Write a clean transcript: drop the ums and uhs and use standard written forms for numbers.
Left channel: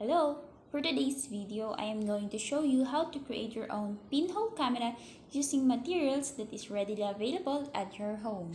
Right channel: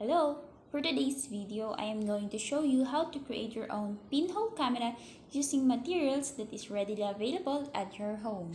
Hello! For today's video, I am going to show you how to create your own pinhole camera using materials that is readily available at your home.